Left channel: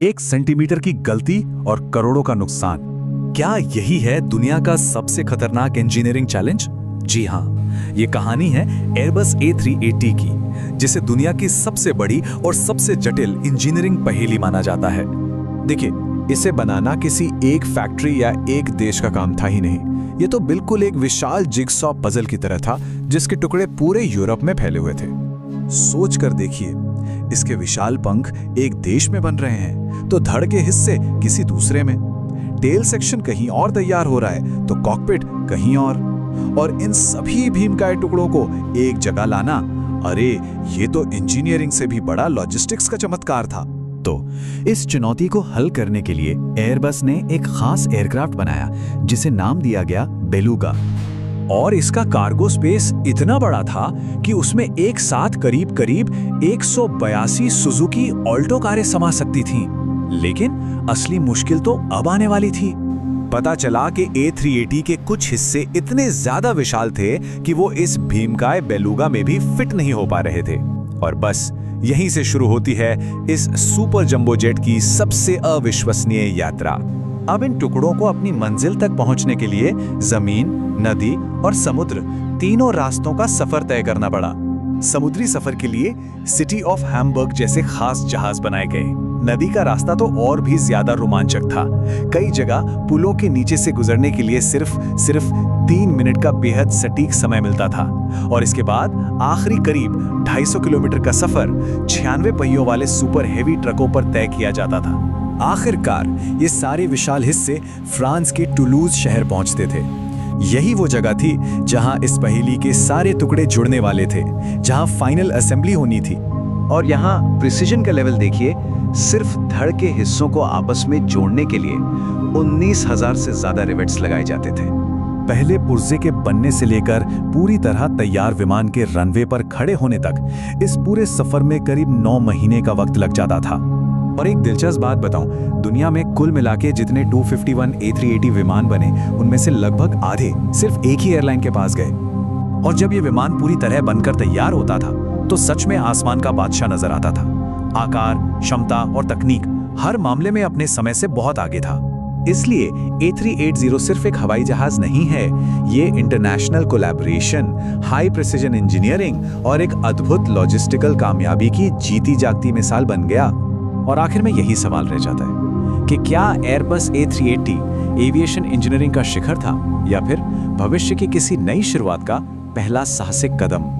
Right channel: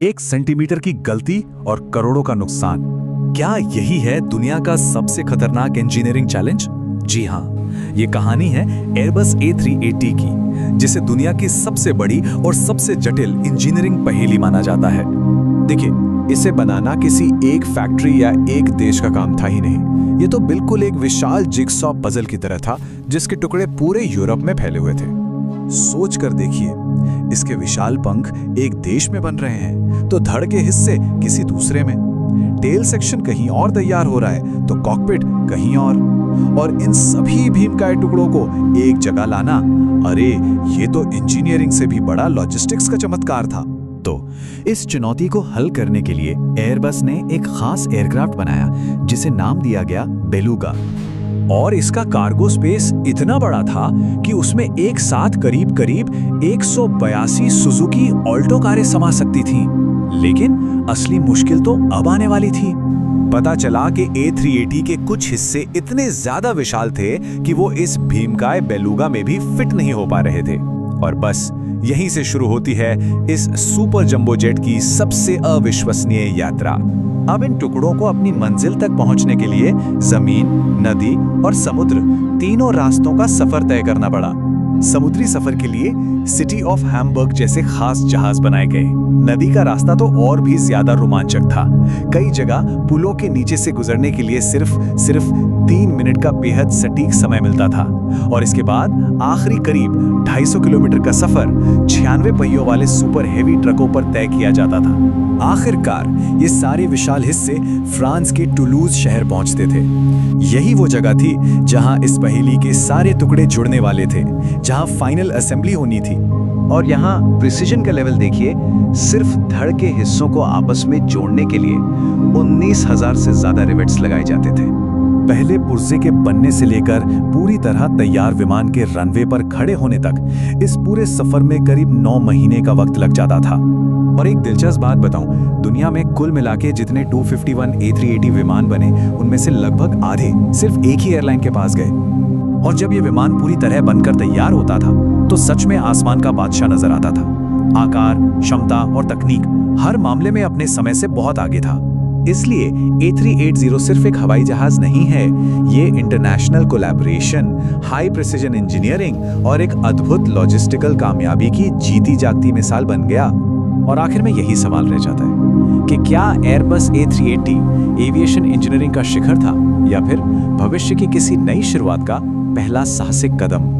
1 centimetre की गलती और करोड़ों का नुकसान। क्या यही है दुनिया का सबसे खतरनाक इंजीनियरिंग चैलेंज? जी हाँ, ये कहानी है एयरबस A380 की, जिसे दुनिया की सबसे बड़ी और सबसे जटिल इंजीनियरिंग पहेली माना जाता है। देखिए, इसे बनाना किसी एक फैक्ट्री या एक देश का काम था ही नहीं। ये तो बिल्कुल एक विशाल जिगसॉ पजल की तरह था, जिसके टुकड़े पूरे यूरोप में फैले हुए थे। सोच कर देखिए, इसके विशाल पंख एक देश में बन रहे हैं तो धड़ के हिस्से किसी दूसरे में, टेल सेक्शन कहीं और तैयार हो रहा है तो कॉकपिट कहीं और इन सभी भीमकाय टुकड़ों को एक जगह लाना, अरे ये तो इंजीनियरिंग से भी बड़ा लॉजिस्टिक्स का चमत्कार था। तो इस चुनौती को हल करने के लिए एयरबस ने एक खास एयरक्राफ्ट बनाया जिसे नाम दिया गया बेलुगा। और इसका कार्गो स्पेस इतना बड़ा था कि उसमें एक साथ करीब 182 सुजुकी ऑल्टो कारें समा सकती थीं। लेकिन असली मुश्किल तो अब आने वाली थी। पता चला कि A380 के कुछ हिस्से इतने ज्यादा विशाल थे कि वो इस भीमकाय बेलुगा में भी फिट नहीं हो पा रहे थे। और बस यहीं से शुरू होती है इस सुपर जंबो जेट की सबसे अविश्वसनीय यात्रा। अब इन टुकड़ों को अपनी मंजिल तक पहुंचने के लिए जमीन, नदी और समुद्र तीनों रास्तों का सफर तय करना पड़ा। समुद्री सफर के लिए सिटी ऑफ हैम्बर्ग जैसे खास जहाज बनाए गए। नदी का रास्ता तो और भी ज्यादा रोमांचक था। कई जगह पुलों के नीचे से गुजरने के लिए सिर्फ 3 मिनट का बेहद सटीक समय मिलता था। और इसके बाद आखिरी करीब 250 किलोमीटर का सफर 96 पहियों वाले सुपर हेवी ट्रकों पर तय किया जाता था। आखिरकार ये सारे विशाल हिस्से फ्रांस के टुलूज शहर पहुंचते थे। यही वो जगह थी जहां इस पहेली के सारे टुकड़े जुड़ने वाले थे, जहां फाइनल असेंबली होनी थी। और यहाँ प्रिसिजन का लेवल देखिए, सिर्फ धड़ के हिस्सों को आपस में जोड़ने के लिए 19,000 से ज्यादा रिवेट्स लगाए जाते थे। पहले पुर्जे के बनने से लेकर पूरी तरह तैयार विमान के रनवे पर खड़े होने तक इस पूरे सफर में करीब 9 महीने का वक्त लग जाता था। और एक दिलचस्प बात बताऊं, दुनिया में कुल मिलाके जितने 251 A380 विमान बने, उनमें से लगभग आधे सिर्फ एक ही एयरलाइन के पास गए। और जब ये विमान पूरी तरह बनकर तैयार होता था तो सच में आसमान का बादशाह नजर आता था। आकार, क्षमता और तकनीक हर मामले में अपने समय से बहुत आगे था। इसलिए A380 सिर्फ एक हवाई जहाज नहीं है, ये international collaboration, high precision engineering और एक अद्भुत लॉजिस्टिकल कामयाबी की जीती जागती मिसाल बन गया। और आखिर में यही सवाल रह जाता है कि क्या एयरबस A380 एविएशन इंजीनियरिंग का शिखर था या फिर भविष्य की किसी नई शुरुआत का पहला साहसिक कदम।